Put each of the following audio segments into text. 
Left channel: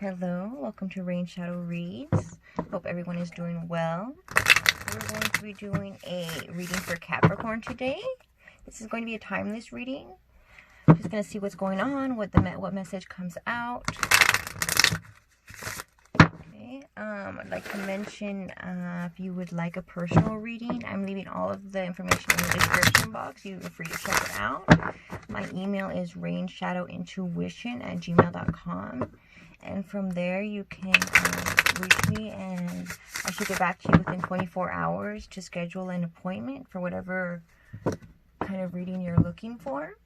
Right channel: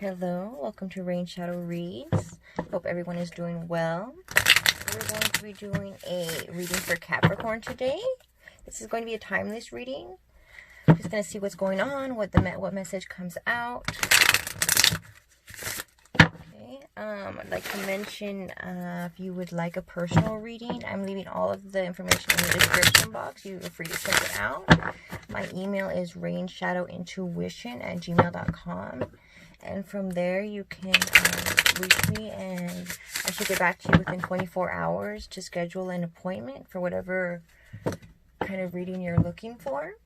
Hello, welcome to Rain Shadow Reads. Hope everyone is doing well. We're going to be doing a reading for Capricorn today. This is going to be a timeless reading. Just going to see what's going on, what message comes out. Okay, I'd like to mention if you would like a personal reading, I'm leaving all of the information in the description box. You are free to check it out. My email is rainshadowintuition@gmail.com. And from there, you can reach me, and I should get back to you within 24 hours to schedule an appointment for whatever kind of reading you're looking for.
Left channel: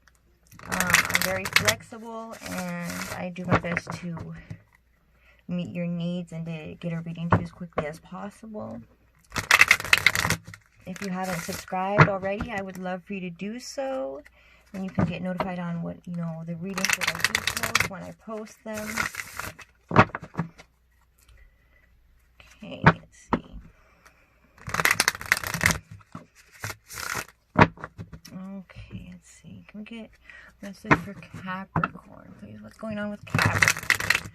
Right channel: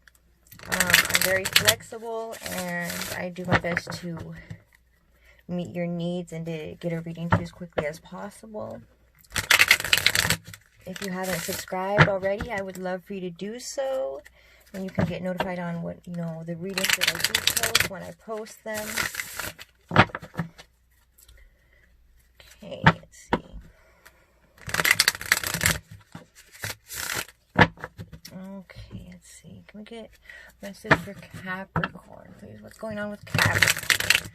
I'm very flexible, and I do my best to meet your needs and to get a reading to you as quickly as possible. If you haven't subscribed already, I would love for you to do so. And you can get notified on what, the readings that I do post when I post them. Okay, let's see. Okay, let's see. Can we get a message for Capricorn, please? What's going on with Capricorn?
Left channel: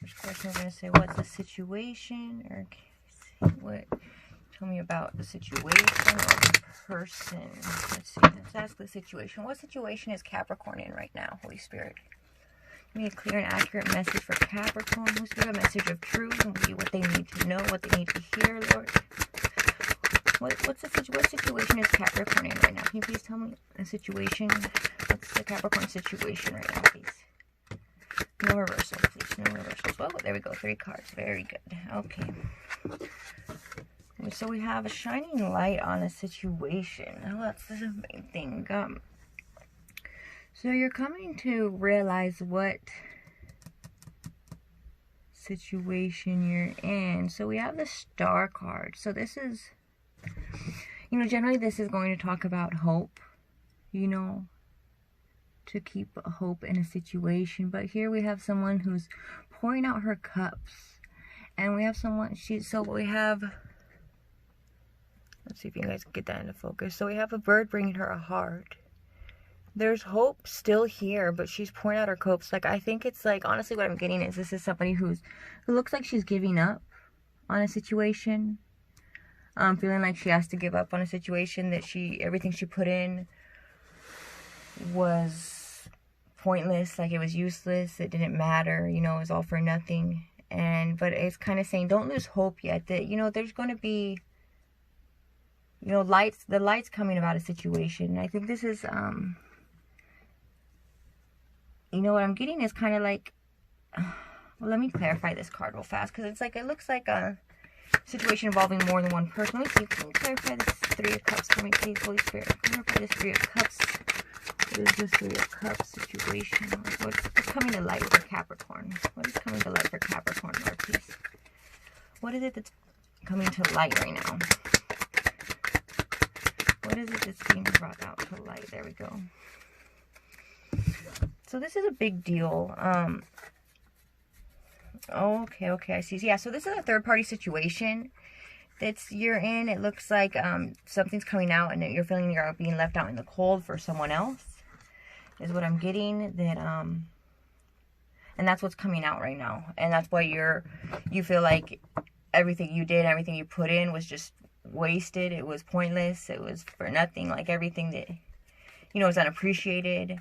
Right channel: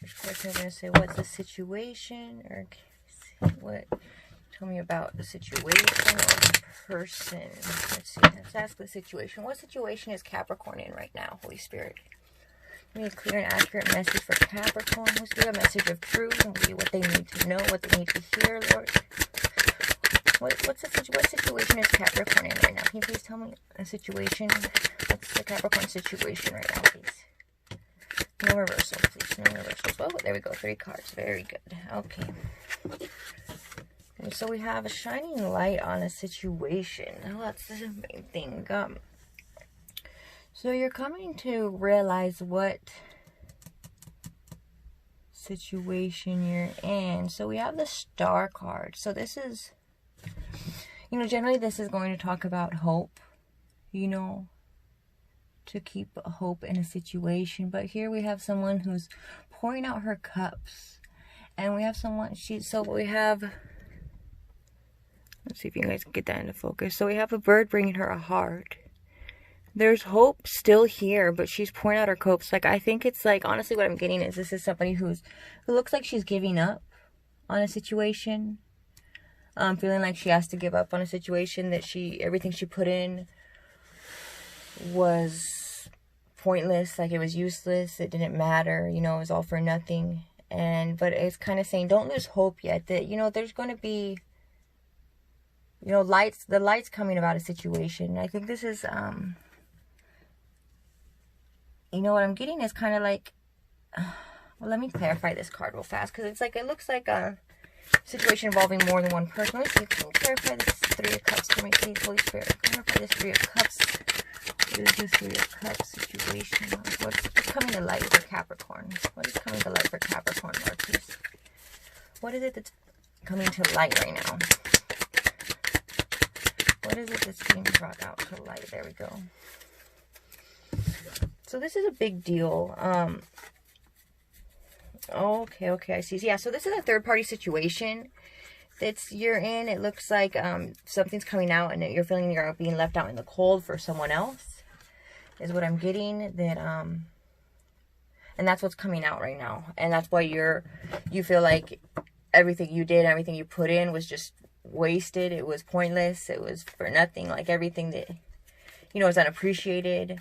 First question, I'm going to say, what's the situation? Or what? Tell me about the situation or the person. Let's see. Let's ask the situation. What situation is Capricorn in right now, Holy Spirit? Give me a clear and accurate message for Capricorn. Let's do a message of truth and what they need to know, what they need to hear, Lord. What situation is Capricorn in right now? Can you please tell me a situation? What's the Capricorn situation right now, please? No reversal, please. No reversals. Oh, there we go. 3 cards. Very good. Okay. And so we have a shining light on a situation. Well, that's the main thing. So you're coming to realize what situation you're in. So we have the Star card. So this is, generally this is going to talk about hope, to keep hope in a situation. But here we have someone who's pouring out her cups. And we have let's see if you guys can get that into focus. So we have a bird bringing her a heart. There's hope still here, but she's pouring out her cups. I think it's honestly what I'm getting is this is somebody who looks like she's giving up on a situation. Feeling like she has to give up on a situation that everything she put in was pointless, it was useless, it didn't matter, it was all for nothing. But it's kind of saying, don't lose hope yet, that, there's going to be, the light's coming about a situation. I think this is, what I'm getting is kind of well, let me clarify this card real fast, because it's it looks like a situation involving more than one person. Let me see, can you clarify this 3 of Cups for me, please, Holy Spirit? Clarify this 3 of Cups. What is this 3 of Cups situation? What's coming to light for Capricorn? What is coming to light for Capricorn, Lord, please? What is it that's coming to light right now? What is it that's being brought out to light? There we go. So this is a big deal. Okay, I see. Yeah, so this is a third-party situation that you're in. It looks like something's coming out and that you're feeling you're being left out in the cold for someone else, is what I'm getting. That and that's what's coming out right now. And that's why you feel like everything you did, everything you put in was just wasted. It was pointless. It was for nothing. Everything that, is unappreciated.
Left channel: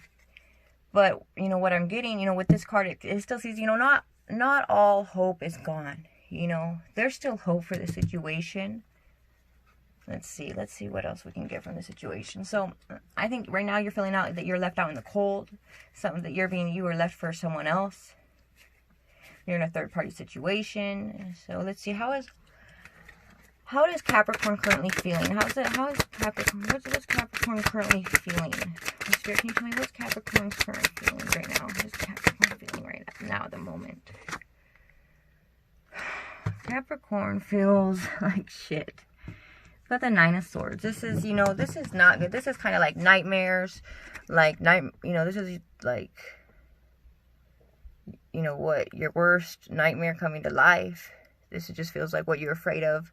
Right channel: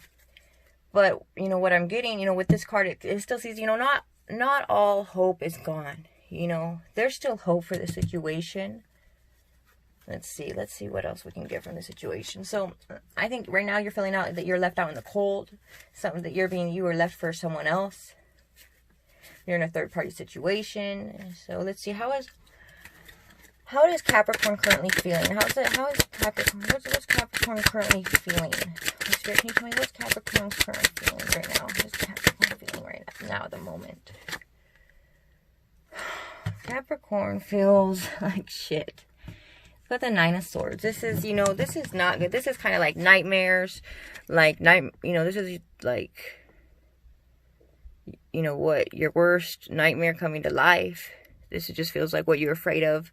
But, what I'm getting, with this card, it still sees, not all hope is gone. There's still hope for the situation. Let's see what else we can get from the situation. So, I think right now you're feeling out that you're left out in the cold. Something that you were left for someone else. You're in a third-party situation. So, let's see, how is Capricorn currently feeling? How is Capricorn? What's Capricorn currently feeling? Spirit, can you tell me what's Capricorn currently feeling right now? What's Capricorn feeling right now at the moment? Capricorn feels like shit. Got the 9 of Swords. This is, this is not good. This is kind of like nightmares. This is what your worst nightmare coming to life. This just feels like what you're afraid of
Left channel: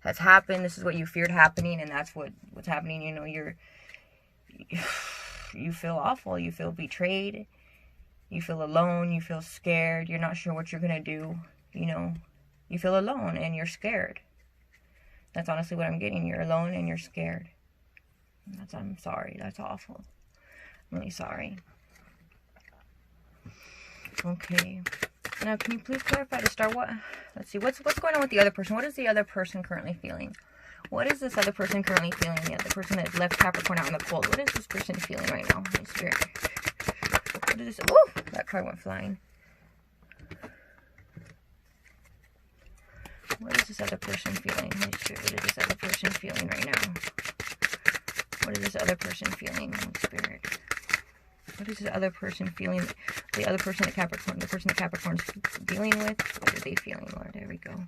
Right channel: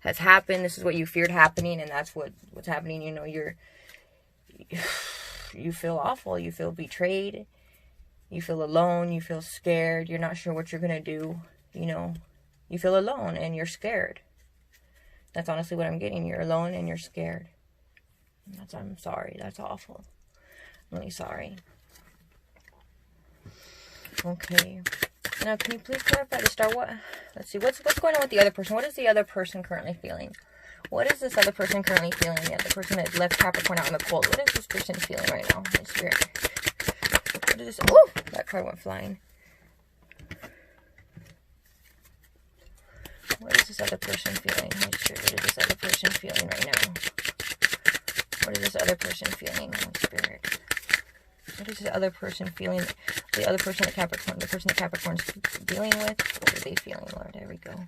has happened. This is what you feared happening, and that's what's happening. You feel awful. You feel betrayed. You feel alone, you feel scared, you're not sure what you're going to do, you know. You feel alone and you're scared. That's honestly what I'm getting. You're alone and you're scared. I'm sorry. That's awful. I'm really sorry. Okay. Now, can you please clarify to start what? Let's see. What's going on with the other person? What is the other person currently feeling? What is this other person currently feeling? The other person that left Capricorn out in the cold. What is this person feeling right now? Holy Spirit. What is this? Oh, that card went flying. What is this other person feeling? Holy Spirit, what is this other person feeling right now? What is this other person feeling? Holy Spirit. What is this other person feeling? The other person that Capricorn, the person that Capricorn's dealing with. What are they feeling, Lord? There we go.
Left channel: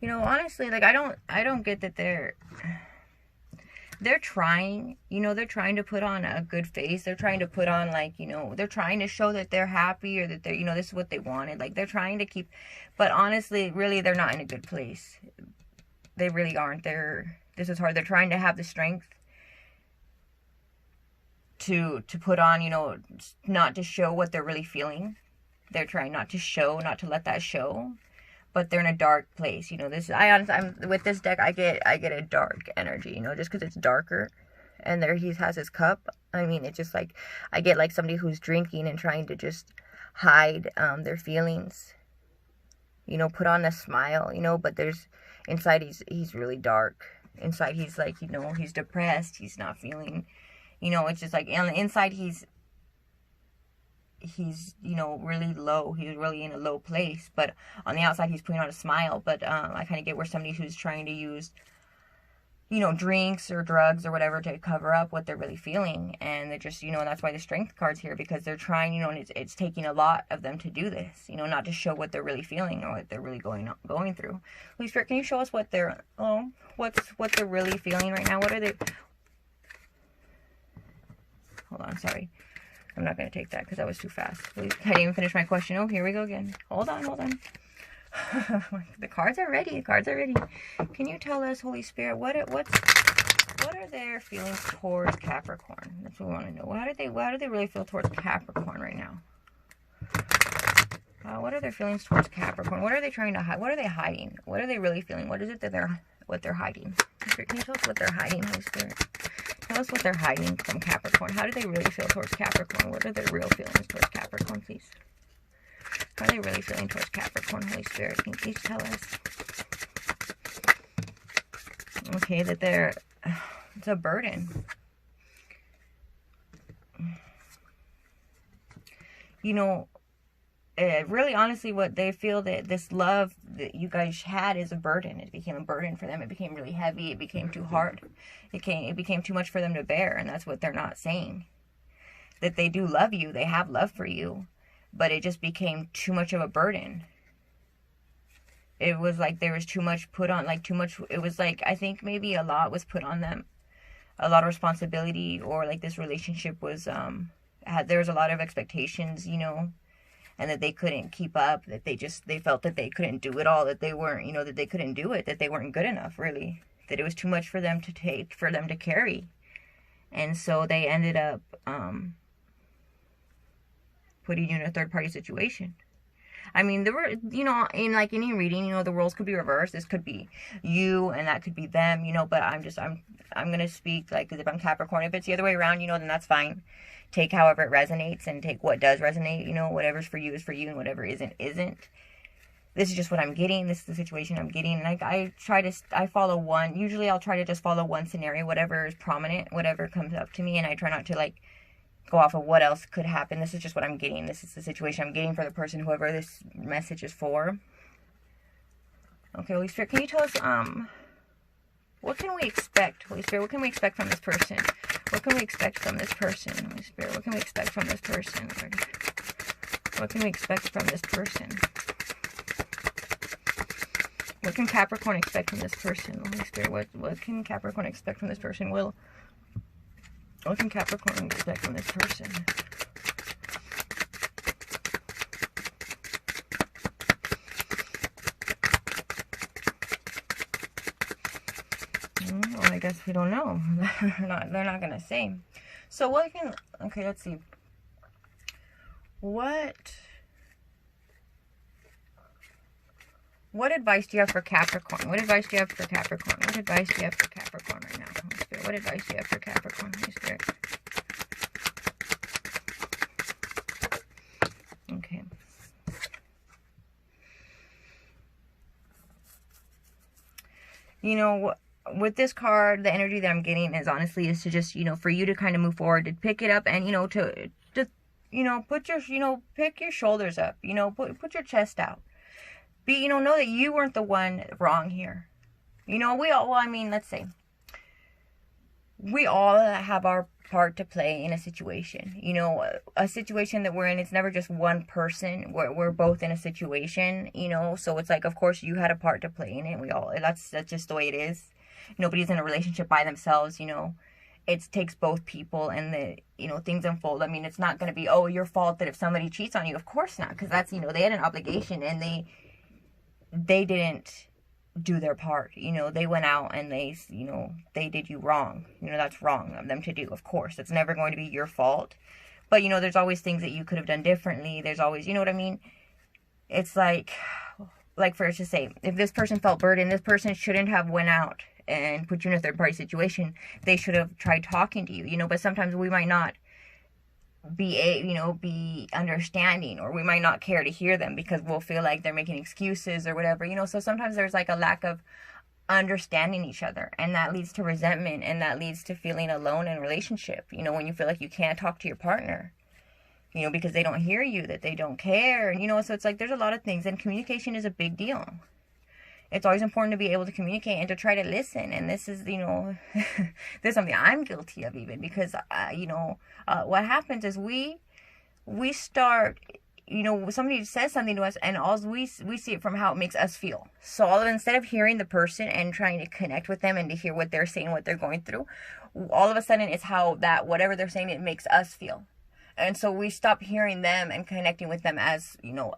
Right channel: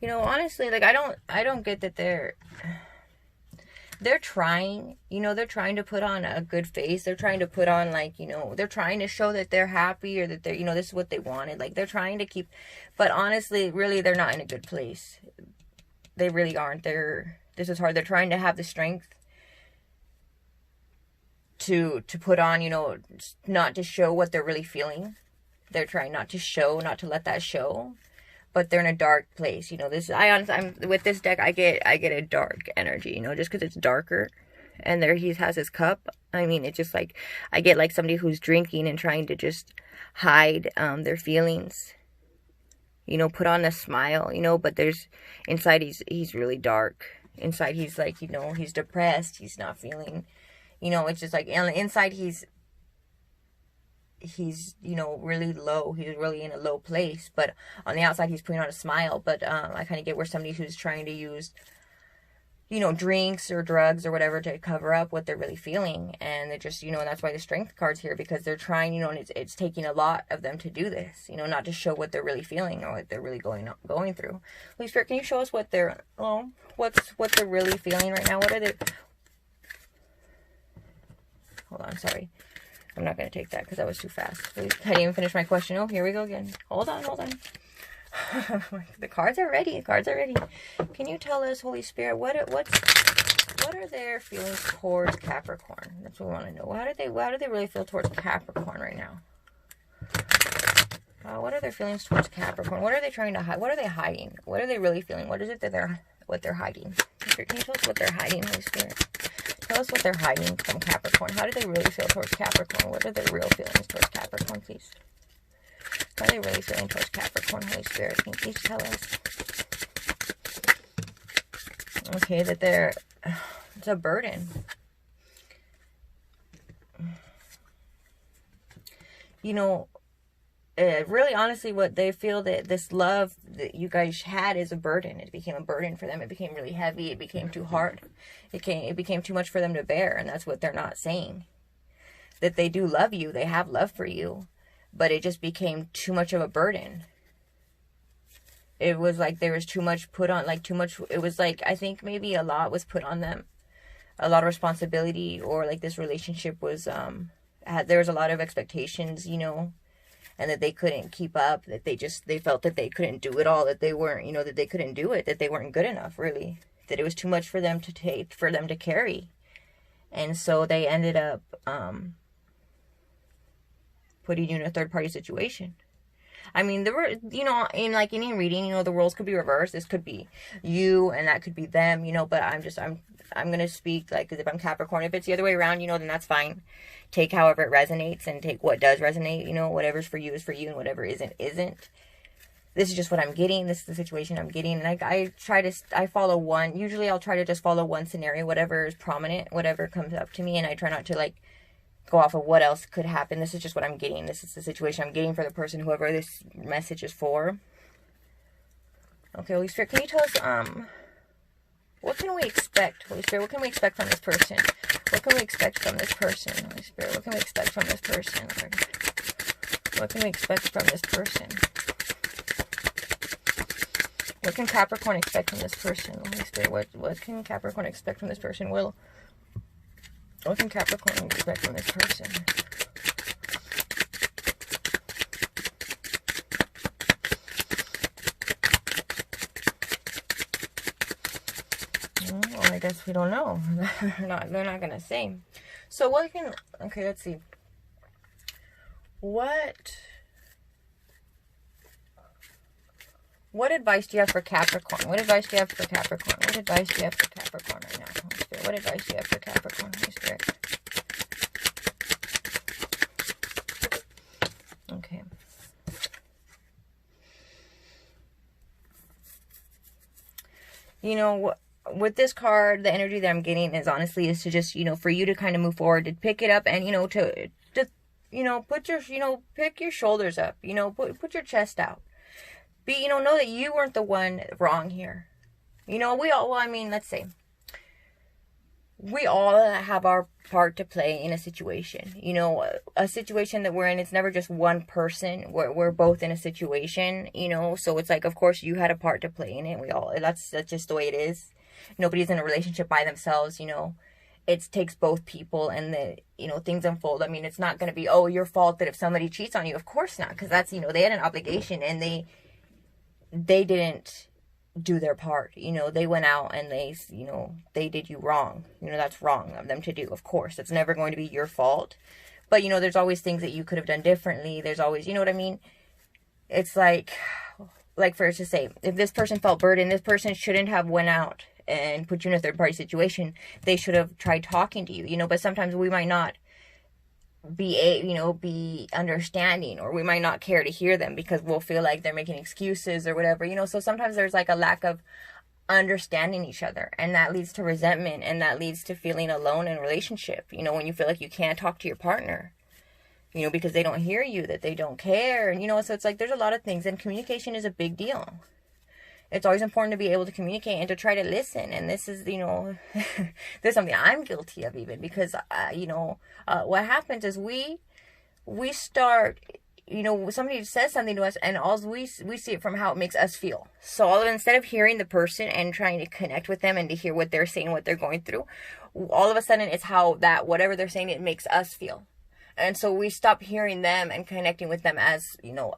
You know, honestly, like I don't get that they're trying, you know, they're trying to put on a good face. They're trying to put on, like, you know, they're trying to show that they're happy or that they're, you know, this is what they wanted. Like, they're trying to keep, but honestly, really, they're not in a good place. They really aren't. This is hard. They're trying to have the strength to put on, you know, not to show what they're really feeling. They're trying not to show, not to let that show. But they're in a dark place, you know. I'm with this deck. I get a dark energy, you know, just because it's darker, and there he has his cup. I mean, it's just like I get like somebody who's drinking and trying to just hide their feelings, you know, put on a smile, you know. But there's inside he's really dark. Inside he's like, you know, he's depressed. He's not feeling, you know. It's just like on the inside he's you know, really low. He's really in a low place, but on the outside he's putting on a smile. But I kind of get where somebody who's trying to use, you know, drinks or drugs or whatever to cover up what they're really feeling. And they just, you know, and that's why the strength card's here, because they're trying, you know, and it's taking a lot of them to do this, you know, not to show what they're really feeling or what they're really going through. Holy Spirit, can you show us what they're what they're really feeling right now? What are they? Hold on, sorry. I'm not going to take that because that was too fast. I didn't even finish my question. Oh, here we go again. Hold on. The cards are ready. Can you tell us, Holy Spirit, what are their feelings towards Capricorn? That's what we want to know. How do they really feel towards Capricorn right now? What are their feelings towards Capricorn? What are they trying to hide? What are they hiding? What are they really feeling? What is it that they're hiding? Can you tell us what they're hiding, Holy Spirit? Tell us what they're hiding from Capricorn. How do they really feel towards Capricorn? What are their real feelings towards Capricorn, please? How are they really feeling towards Capricorn, Holy Spirit? Can you please tell us? Okay, that it's a burden. You know, really honestly what they feel, that this love that you guys had is a burden. It became a burden for them. It became really heavy. It became too hard. It became too much for them to bear. And that's what they're not saying. That they do love you. They have love for you. But it just became too much of a burden. It was like there was too much put on, like too much. It was like, I think maybe a lot was put on them. A lot of responsibility, or like this relationship was, there was a lot of expectations, you know, and that they couldn't keep up, that they felt that they couldn't do it all, that they weren't, you know, that they couldn't do it, that they weren't good enough, really, that it was too much for them to take, for them to carry. And so they ended up putting you in a third-party situation. I mean, there were, you know, in like any reading, you know, the roles could be reversed. This could be you and that could be them, you know, but I'm going to speak like as if I'm Capricorn. If it's the other way around, you know, then that's fine. Take however it resonates and take what does resonate, you know, whatever's for you is for you and whatever isn't. This is just what I'm getting. This is the situation I'm getting. And I follow one. Usually I'll try to just follow one scenario, whatever is prominent, whatever comes up to me. And I try not to like go off of what else could happen. This is just what I'm getting. This is the situation I'm getting for the person, whoever this message is for. Okay, Holy Spirit, can you tell us, what can we expect, Holy Spirit? What can we expect from this person? What can we expect from this person, Holy Spirit? What can we expect from this person, Lord? What can we expect from this person? What can Capricorn expect from this person, Holy Spirit? What can Capricorn expect from this person? What can Capricorn expect from this person? Oh my guess we don't know. They're not going to say. So what can... Okay, let's see. What advice do you have for Capricorn? What advice do you have for Capricorn? What advice do you have for Capricorn right now, Holy Spirit? What advice do you have for Capricorn, Holy Spirit? Okay. You know, with this card, the energy that I'm getting is honestly is to just, you know, for you to kind of move forward, to pick it up and, you know, to you know, put your, you know, pick your shoulders up, you know, put your chest out. Be, you know that you weren't the one wrong here. You know, we all, well, I mean, let's say, we all have our part to play in a situation. You know, a situation that we're in, it's never just one person. We're both in a situation, you know, so it's like, of course, you had a part to play in it. We all, that's just the way it is. Nobody's in a relationship by themselves, you know. It takes both people, and the, you know, things unfold. I mean, it's not going to be, oh, your fault that if somebody cheats on you. Of course not, because that's, you know, they had an obligation, and they didn't do their part. You know, they went out and they, you know, they did you wrong. You know, that's wrong of them to do. Of course, it's never going to be your fault. But, you know, there's always things that you could have done differently. There's always, you know what I mean? It's like for us to say, if this person felt burdened, this person shouldn't have went out and put you in a third party situation. They should have tried talking to you, you know, but sometimes we might not be understanding, or we might not care to hear them because we'll feel like they're making excuses or whatever, you know. So sometimes there's like a lack of understanding each other, and that leads to resentment, and that leads to feeling alone in a relationship, you know, when you feel like you can't talk to your partner, you know, because they don't hear you, that they don't care, and you know, so it's like there's a lot of things, and communication is a big deal. It's always important to be able to communicate and to try to listen. And this is, you know, this is something I'm guilty of even, because, you know, what happens is we start, you know, somebody says something to us, and all we see it from how it makes us feel. So instead of hearing the person and trying to connect with them and to hear what they're saying, what they're going through, all of a sudden it's how that, whatever they're saying, it makes us feel. And so we stop hearing them and connecting with them as, you know,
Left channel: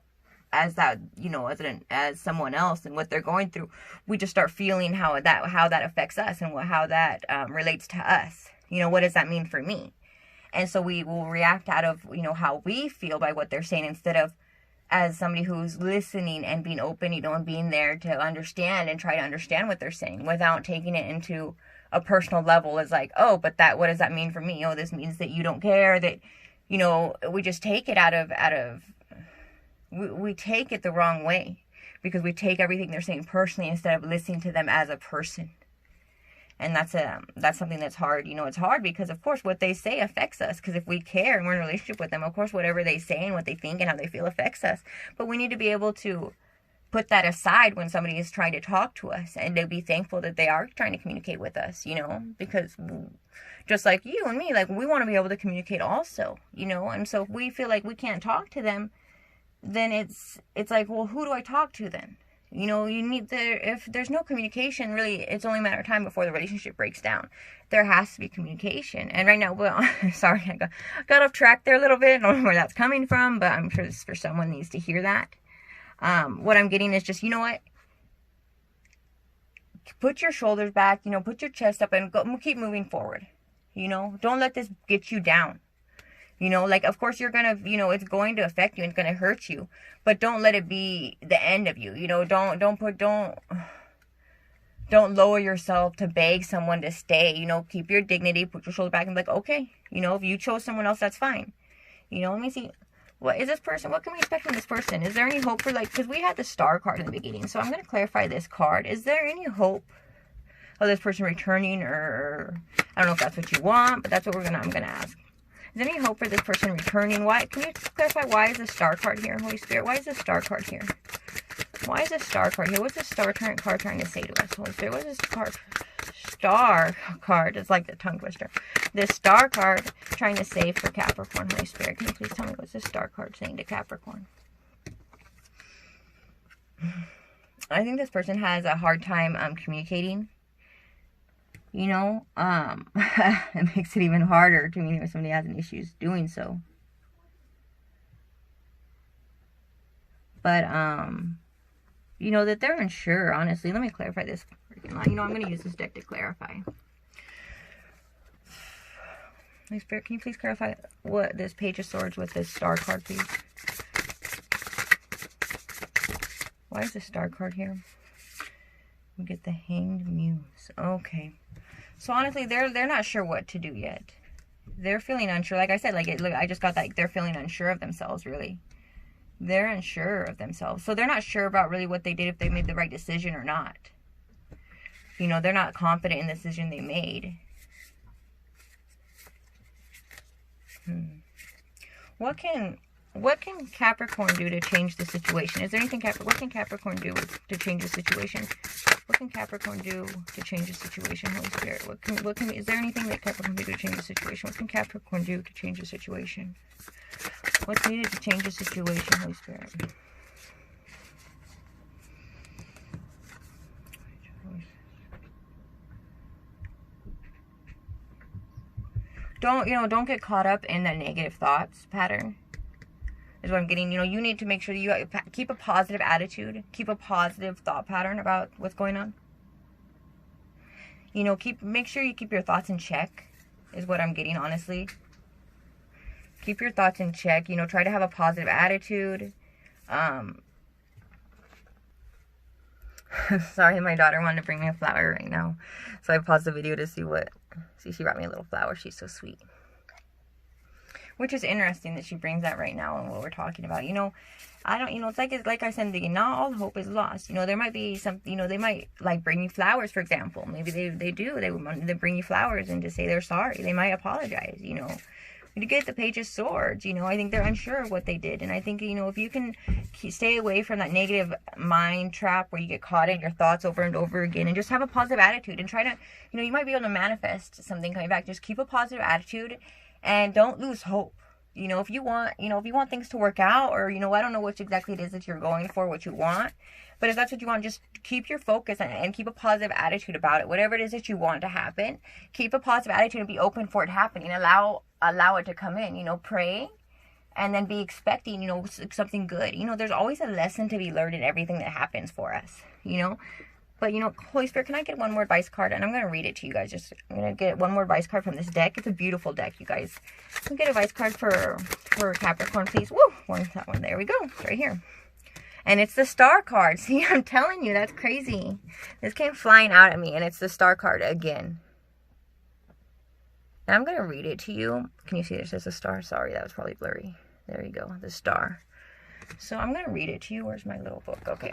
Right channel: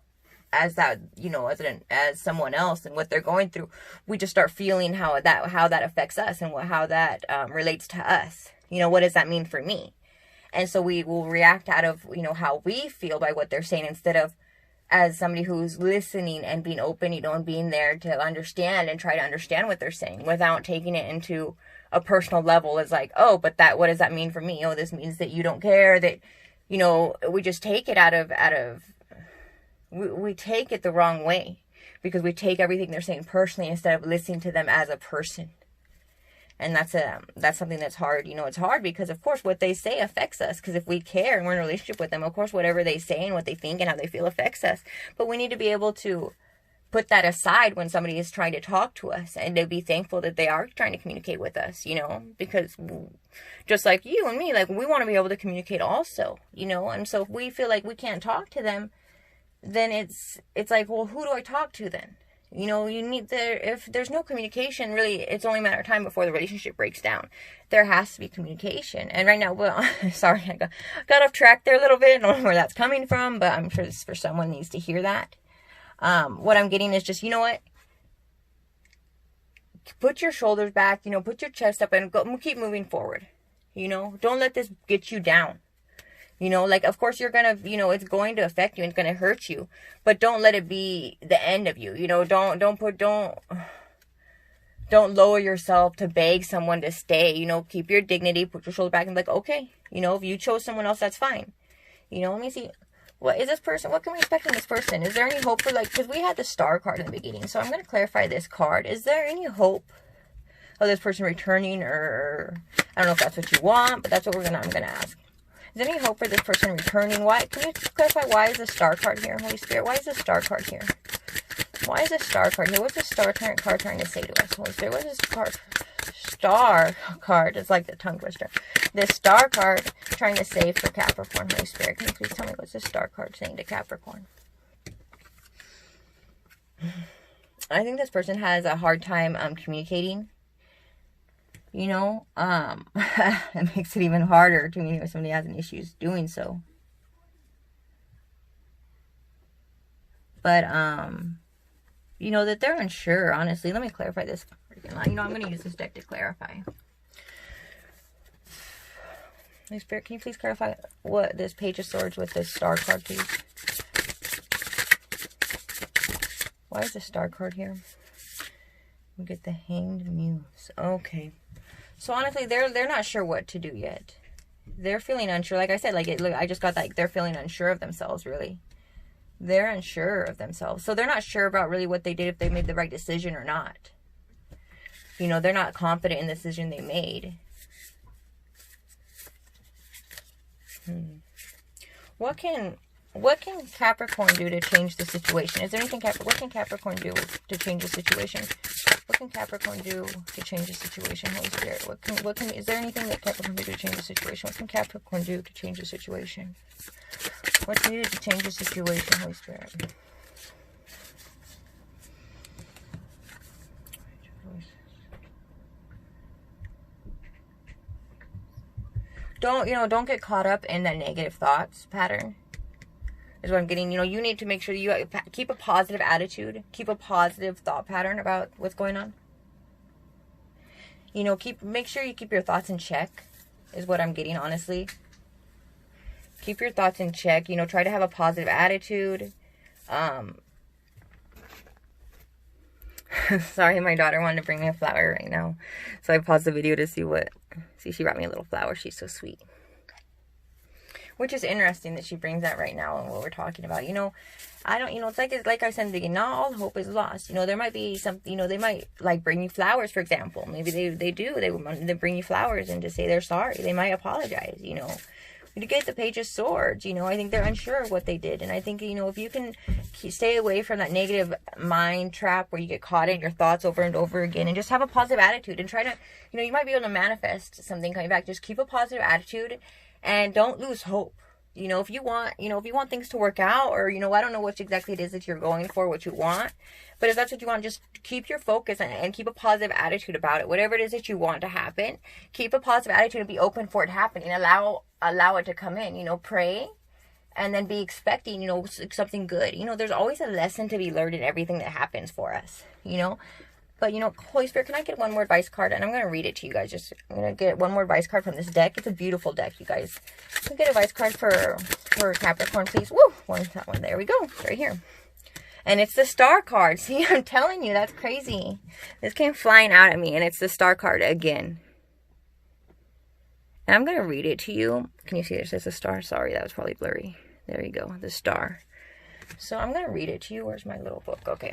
as that, you know, as someone else and what they're going through. We just start feeling how that affects us, and how that relates to us. You know, what does that mean for me? And so we will react out of, you know, how we feel by what they're saying, instead of as somebody who's listening and being open, you know, and being there to understand and try to understand what they're saying without taking it into a personal level as like, oh, but what does that mean for me? Oh, this means that you don't care, that, you know, we just take it we take it the wrong way, because we take everything they're saying personally instead of listening to them as a person. And that's something that's hard. You know, it's hard because, of course, what they say affects us. Because if we care and we're in a relationship with them, of course, whatever they say and what they think and how they feel affects us. But we need to be able to put that aside when somebody is trying to talk to us, and to be thankful that they are trying to communicate with us, you know, because just like you and me, like, we want to be able to communicate also, you know. And so if we feel like we can't talk to them, then it's like, well, who do I talk to then? You know, if there's no communication, really, it's only a matter of time before the relationship breaks down. There has to be communication. And right now, well, sorry, I got off track there a little bit. I don't know where that's coming from, but I'm sure this for someone needs to hear that. What I'm getting is just, you know what? Put your shoulders back, you know, put your chest up, and keep moving forward. You know, don't let this get you down. You know, like, of course you're going to, you know, it's going to affect you and it's going to hurt you, but don't let it be the end of you. You know, don't lower yourself to beg someone to stay. You know, keep your dignity, put your shoulder back, and be like, okay, you know, if you chose someone else, that's fine. You know, let me see. What is this person? What can we expect from this person? Is there any hope for, like, because we had the star card in the beginning, so I'm going to clarify this card. Is there any hope of this person returning, or I don't know if that's what you want, but that's what I'm going to ask. Is there any hope for this person returning? Why? Can you clarify, why is the star card here, Holy Spirit? Why is the star card here? Why is the star card here? What's the star card trying to say to us, Holy Spirit? What is this star card? It's like the tongue twister. This star card trying to say for Capricorn, Holy Spirit. Can you please tell me what's this star card saying to Capricorn? I think this person has a hard time communicating. You know, it makes it even harder to communicate when somebody has an issues doing so. But, you know, that they're unsure, honestly. Let me clarify this. You know, I'm going to use this deck to clarify. Holy Spirit, can you please clarify what this Page of Swords with this Star card, please? Why is the Star card here? We get the Hanged Muse. Okay. So honestly, they're not sure what to do yet. They're feeling unsure. Like I said, like I just got that, like, they're feeling unsure of themselves, really. They're unsure of themselves. So they're not sure about really what they did, if they made the right decision or not. You know, they're not confident in the decision they made. What can Capricorn do to change the situation? Is there anything what can Capricorn do to change the situation? What can Capricorn do to change the situation, Holy Spirit? Is there anything that Capricorn can do to change the situation? What can Capricorn do to change the situation? What's needed to change the situation, Holy Spirit? Don't get caught up in that negative thoughts pattern. Is what I'm getting. You know, you need to make sure you keep a positive attitude, keep a positive thought pattern about what's going on. You know, make sure you keep your thoughts in check, is what I'm getting, honestly. Keep your thoughts in check. You know, try to have a positive attitude. Sorry, my daughter wanted to bring me a flower right now, so I paused the video to see she brought me a little flower. She's so sweet. Which is interesting that she brings that right now and what we're talking about. You know, it's like I said in the beginning, not all hope is lost. You know, there might be some, you know, they might like bring you flowers, for example. Maybe they bring you flowers and to say they're sorry. They might apologize, you know. You get the Page of Swords, you know, I think they're unsure of what they did. And I think, you know, if you can stay away from that negative mind trap where you get caught in your thoughts over and over again, and just have a positive attitude and try to, you know, you might be able to manifest something coming back. Just keep a positive attitude and don't lose hope. You know, if you want things to work out, or, you know, I don't know what exactly it is that you're going for, what you want. But if that's what you want, just keep your focus and keep a positive attitude about it. Whatever it is that you want to happen, keep a positive attitude and be open for it happening. Allow it to come in. You know, pray and then be expecting, you know, something good. You know, there's always a lesson to be learned in everything that happens for us, you know. But, you know, Holy Spirit, can I get one more advice card? And I'm going to read it to you guys. I'm going to get one more advice card from this deck. It's a beautiful deck, you guys. Can we get advice card for Capricorn, please? Woo! That one. There we go. It's right here. And it's the Star card. See, I'm telling you, that's crazy. This came flying out at me, and it's the Star card again. And I'm going to read it to you. Can you see it says the Star? Sorry, that was probably blurry. There you go, the Star. So I'm going to read it to you. Where's my little book? Okay.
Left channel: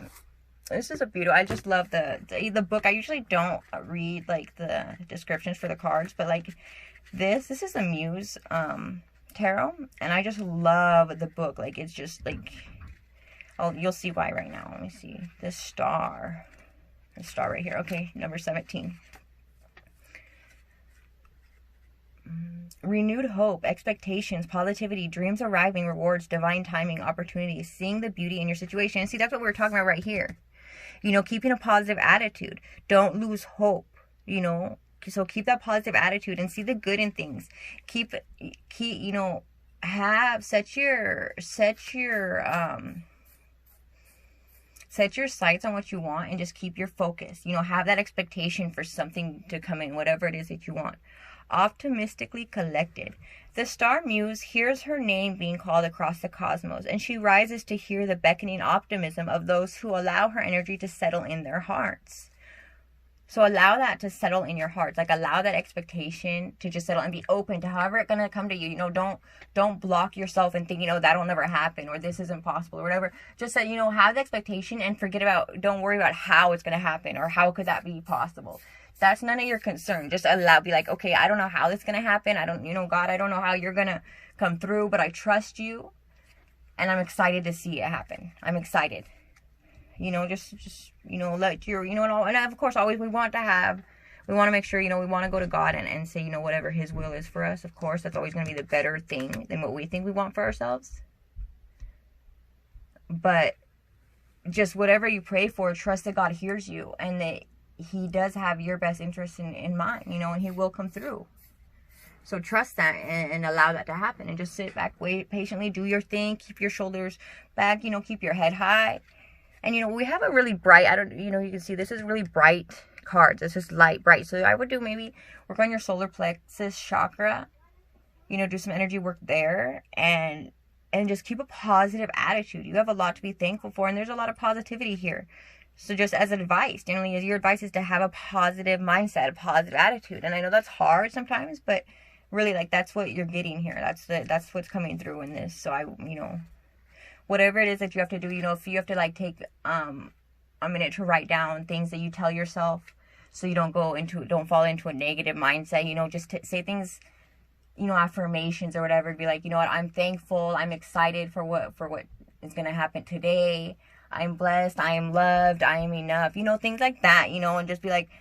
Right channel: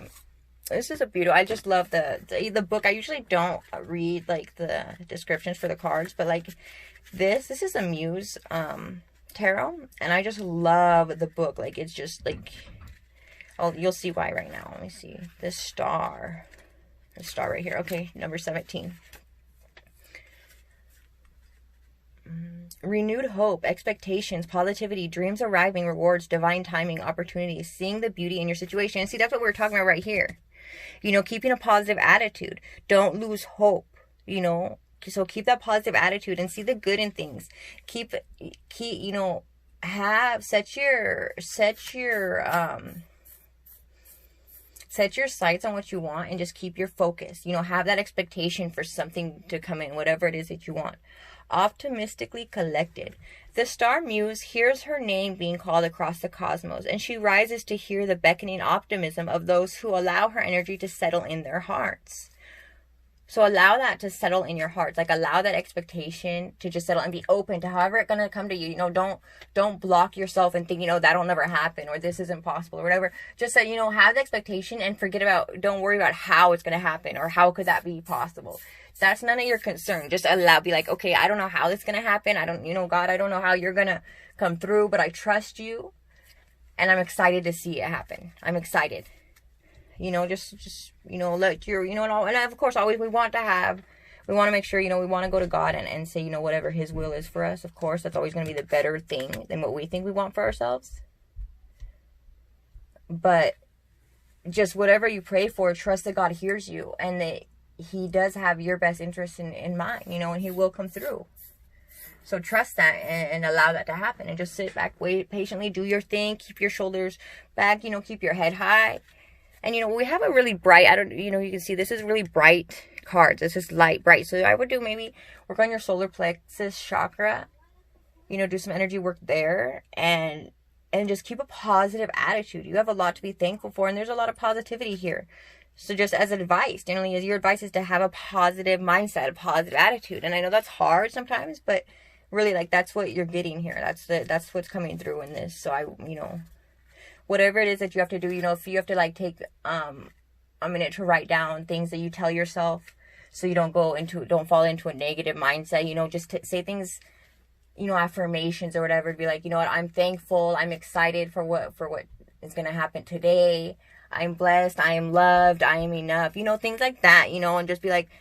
This is a beautiful, I just love the book. I usually don't read, like, the descriptions for the cards, but, like, this is a Muse tarot, and I just love the book. Like, it's just, like, oh, you'll see why right now. Let me see. The Star right here. Okay, number 17. Renewed hope, expectations, positivity, dreams arriving, rewards, divine timing, opportunities, seeing the beauty in your situation. And see, that's what we're talking about right here. You know, keeping a positive attitude. Don't lose hope, you know. So keep that positive attitude and see the good in things. Keep you know, set your sights on what you want and just keep your focus. You know, have that expectation for something to come in, whatever it is that you want. Optimistically collected. The Star Muse hears her name being called across the cosmos, and she rises to hear the beckoning optimism of those who allow her energy to settle in their hearts. So allow that to settle in your hearts. Like, allow that expectation to just settle and be open to however it's going to come to you. You know, don't block yourself and think, you know, that'll never happen or this isn't possible or whatever. Just say, you know, have the expectation and don't worry about how it's going to happen or how could that be possible. That's none of your concern. Just be like, okay, I don't know how this is going to happen. God, I don't know how you're going to come through, but I trust you. And I'm excited to see it happen. I'm excited. You know, just you know, let your, you know, and of course, always we want to make sure, you know, we want to go to God and say, you know, whatever his will is for us. Of course, that's always going to be the better thing than what we think we want for ourselves. But just whatever you pray for, trust that God hears you and that he does have your best interest in mind, you know, and he will come through. So trust that and allow that to happen and just sit back, wait patiently, do your thing, keep your shoulders back, you know, keep your head high. And, you know, we have a really bright, you know, you can see this is really bright cards. This is light, bright. So I would do maybe work on your solar plexus chakra you know, do some energy work there, and just keep a positive attitude. You have a lot to be thankful for, and there's a lot of positivity here. So just as advice, generally, your advice is to have a positive mindset, a positive attitude. And I know that's hard sometimes, but really, like, that's what you're getting here. That's what's coming through in this. So you know, whatever it is that you have to do, you know, if you have to like take a minute to write down things that you tell yourself, so you don't fall into a negative mindset, you know, just say things, you know, affirmations or whatever. Be like, you know what, I'm thankful, I'm excited for what is going to happen today. I'm blessed, I am loved, I am enough, you know, things like that, you know, and just be like,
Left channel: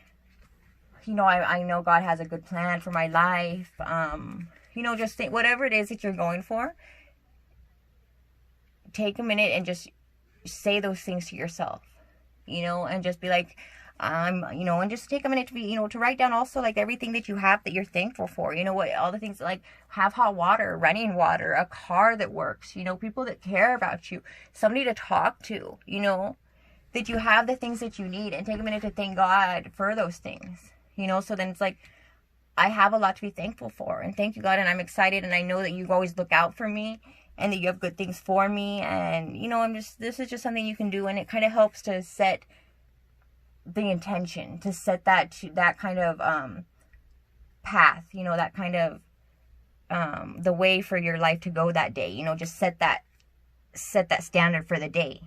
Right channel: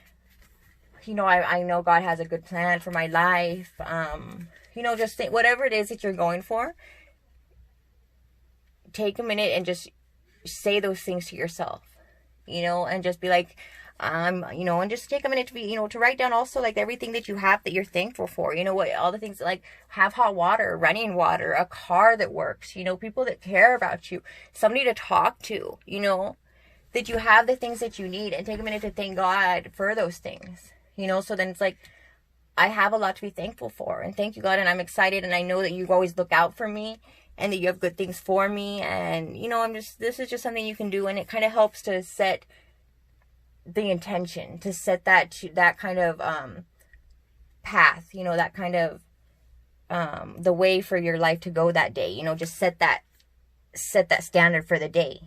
you know, I know God has a good plan for my life. You know, just think, whatever it is that you're going for, take a minute and just say those things to yourself, you know, and just be like, you know, and just take a minute to be, you know, to write down also like everything that you have that you're thankful for, you know, what, all the things like have hot water, running water, a car that works, you know, people that care about you, somebody to talk to, you know, that you have the things that you need, and take a minute to thank God for those things, you know. So then it's like, I have a lot to be thankful for, and thank you, God, and I'm excited, and I know that you always look out for me, and that you have good things for me, and, you know, this is just something you can do, and it kind of helps to set the intention, to set that kind of path, you know, that kind of the way for your life to go that day, you know, just set that standard for the day,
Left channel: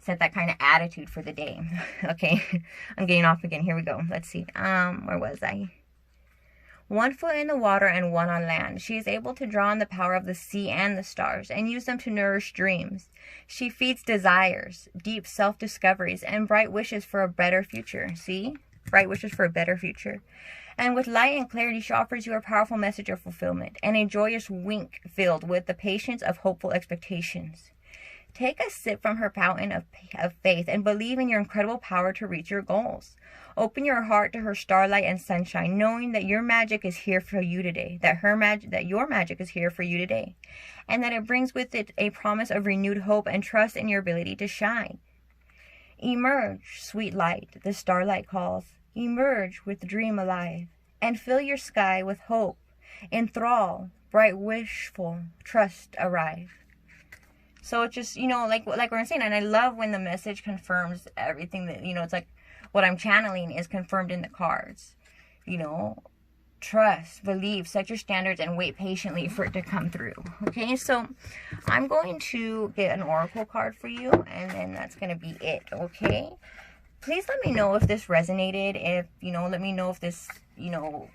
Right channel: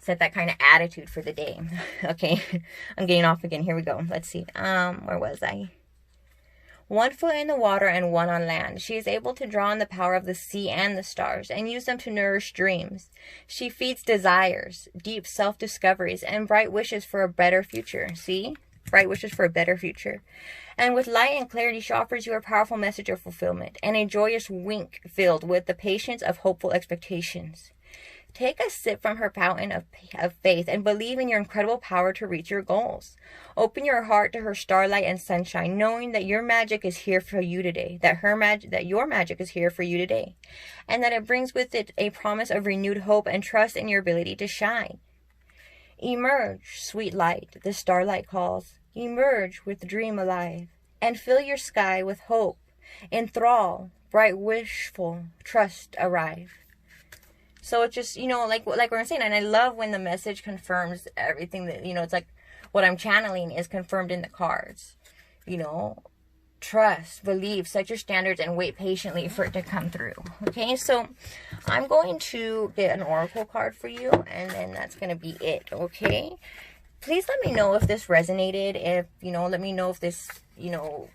set that kind of attitude for the day. Okay, I'm getting off again. Here we go. Let's see, where was I? 1 foot in the water and 1 on land. She is able to draw on the power of the sea and the stars and use them to nourish dreams. She feeds desires, deep self-discoveries, and bright wishes for a better future. See? Bright wishes for a better future. And with light and clarity, she offers you a powerful message of fulfillment and a joyous wink filled with the patience of hopeful expectations. Take a sip from her fountain of faith and believe in your incredible power to reach your goals. Open your heart to her starlight and sunshine, knowing that your magic is here for you today, that your magic is here for you today, and that it brings with it a promise of renewed hope and trust in your ability to shine. Emerge, sweet light, the starlight calls. Emerge with dream alive, and fill your sky with hope. Enthrall, bright wishful, trust arrive. So it's just, you know, like we're saying, and I love when the message confirms everything that, you know, it's like, what I'm channeling is confirmed in the cards. You know, trust, believe, set your standards, and wait patiently for it to come through. Okay, so I'm going to get an oracle card for you, and then that's going to be it. Okay, please let me know if this resonated. If, you know, let me know if this, you know,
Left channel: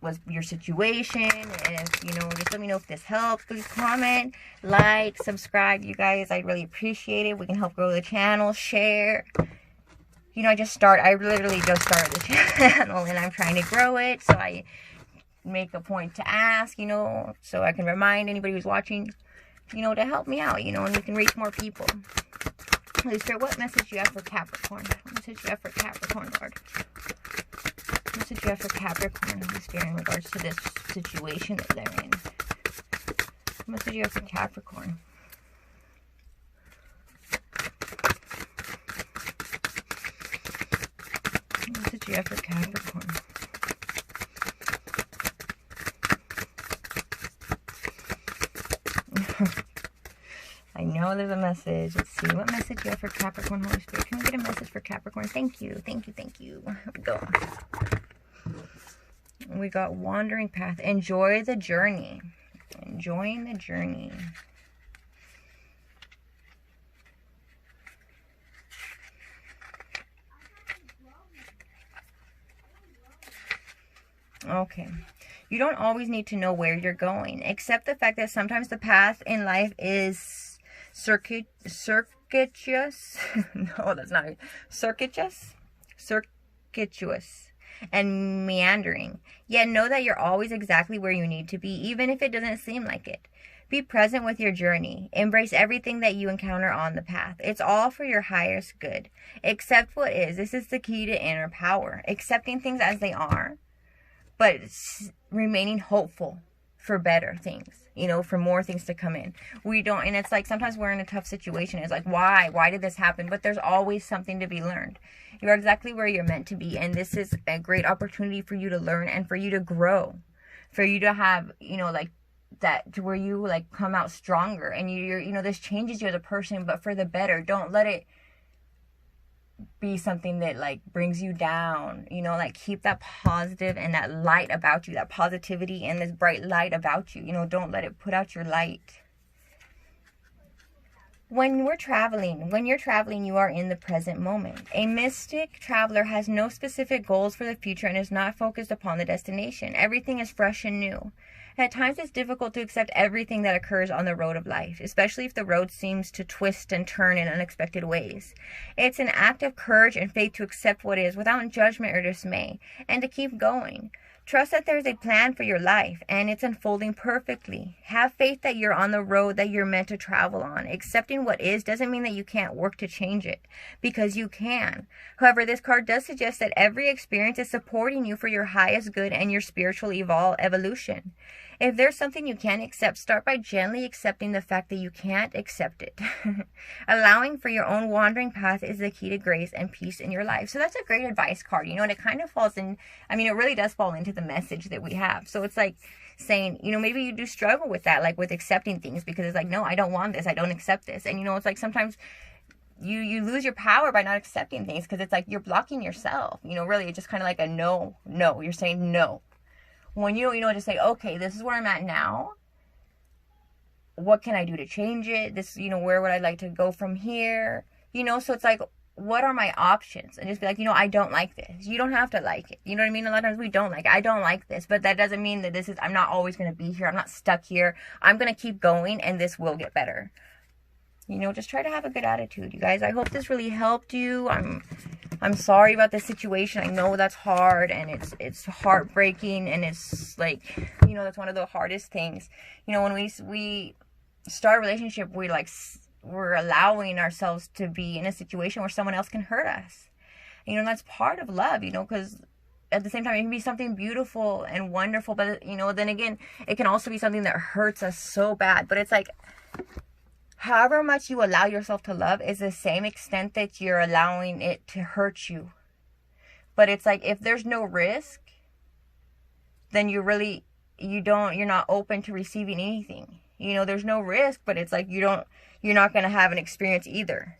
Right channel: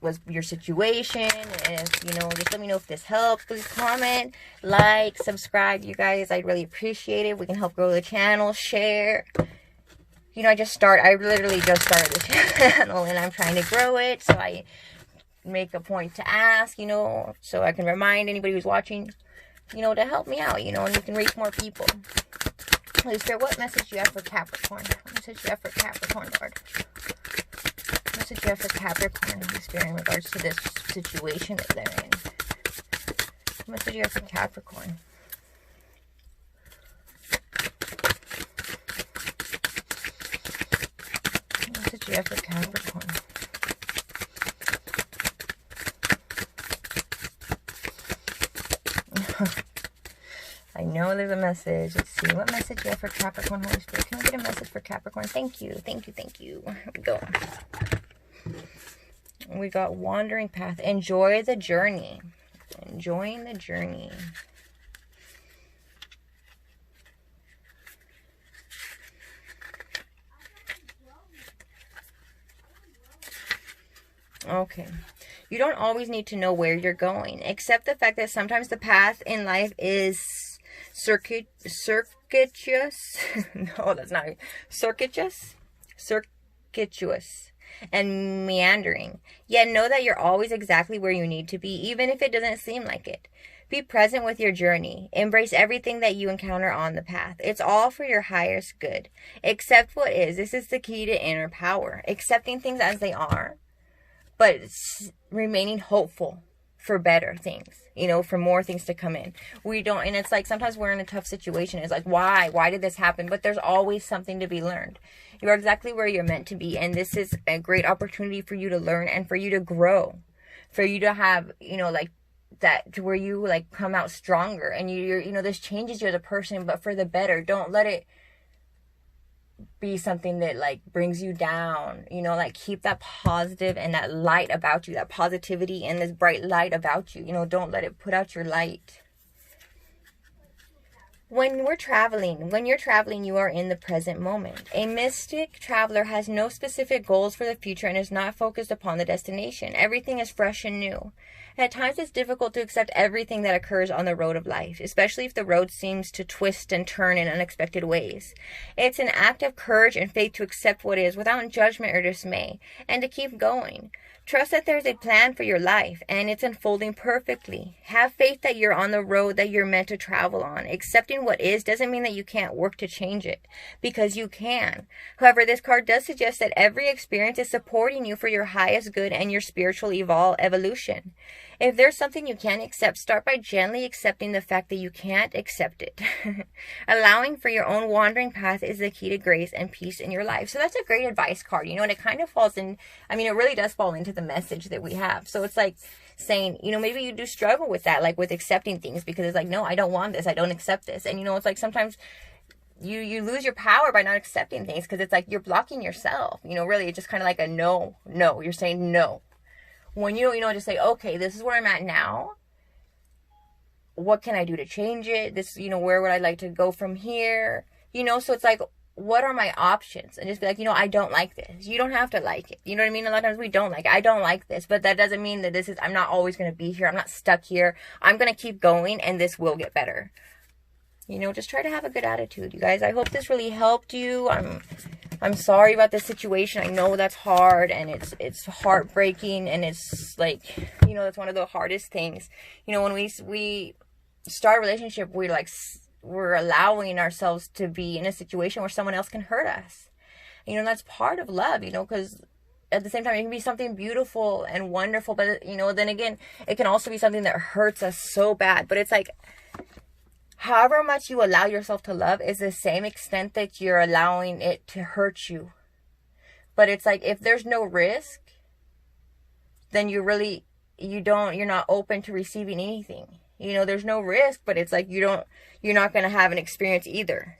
was your situation. If, you know, just let me know if this helped. Please comment, like, subscribe, you guys. I'd really appreciate it. We can help grow the channel. Share. You know, I literally just started the channel, and I'm trying to grow it, so I make a point to ask, you know, so I can remind anybody who's watching, you know, to help me out, you know, and we can reach more people. Holy Spirit, what message do you have for Capricorn? What message do you have for Capricorn, Lord? What message do you have for Capricorn, Holy Spirit, in regards to this situation that they're in? What message do you have for Capricorn? What message do you have for Capricorn? I know there's a message. Let's see. What message do you have for Capricorn, Holy Spirit? Can we get a message for Capricorn? Thank you. Thank you. Thank you. Here we go. We got wandering path. Enjoy the journey. Enjoying the journey. Okay. You don't always need to know where you're going. Accept the fact that sometimes the path in life is circuitous. No, that's not it. Circuitous and meandering. Yet know that you're always exactly where you need to be, even if it doesn't seem like it. Be present with your journey. Embrace everything that you encounter on the path. It's all for your highest good. Accept what is. This is the key to inner power. Accepting things as they are, but remaining hopeful for better things, you know, for more things to come in. We don't, and it's like sometimes we're in a tough situation. It's like, why did this happen? But there's always something to be learned. You are exactly where you're meant to be, and this is a great opportunity for you to learn and for you to grow. for you to have, like that, to where you like come out stronger, and this changes you as a person, but for the better. Don't let it be something that like brings you down, like keep that positive and that light about you, that positivity and this bright light about you. Don't let it put out your light. When you're traveling, you are in the present moment. A mystic traveler has no specific goals for the future and is not focused upon the destination. Everything is fresh and new. At times, it's difficult to accept everything that occurs on the road of life, especially if the road seems to twist and turn in unexpected ways. It's an act of courage and faith to accept what is without judgment or dismay, and to keep going. Trust that there's a plan for your life, and it's unfolding perfectly. Have faith that you're on the road that you're meant to travel on. Accepting what is doesn't mean that you can't work to change it, because you can. However, this card does suggest that every experience is supporting you for your highest good and your spiritual evolution. If there's something you can't accept, start by gently accepting the fact that you can't accept it. Allowing for your own wandering path is the key to grace and peace in your life. So that's a great advice card, and it kind of falls in, it really does fall into the message that we have. So it's like saying, maybe you do struggle with that, like with accepting things, because it's like, no, I don't want this, I don't accept this. And it's like sometimes you lose your power by not accepting things, because it's like you're blocking yourself. Really, it's just kind of like a no, you're saying no. When you just say, okay, this is where I'm at now. What can I do to change it? This, where would I like to go from here? So it's like, what are my options? And just be like, I don't like this. You don't have to like it. You know what I mean? A lot of times we don't like it. I don't like this, but that doesn't mean that I'm not always going to be here. I'm not stuck here. I'm going to keep going, and this will get better. Just try to have a good attitude, you guys. I hope this really helped you. I'm sorry about the situation. I know that's hard, and it's heartbreaking, and it's like, that's one of the hardest things. When we start a relationship, we're allowing ourselves to be in a situation where someone else can hurt us. That's part of love, because at the same time, it can be something beautiful and wonderful, but, then again, it can also be something that hurts us so bad. But it's like, however much you allow yourself to love is the same extent that you're allowing it to hurt you. But it's like, if there's no risk, then you're not open to receiving anything. There's no risk, but it's like you're not going to have an experience either,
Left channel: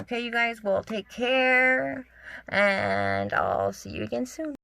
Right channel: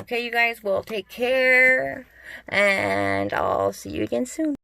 Okay, you guys, well, take care, and I'll see you again soon.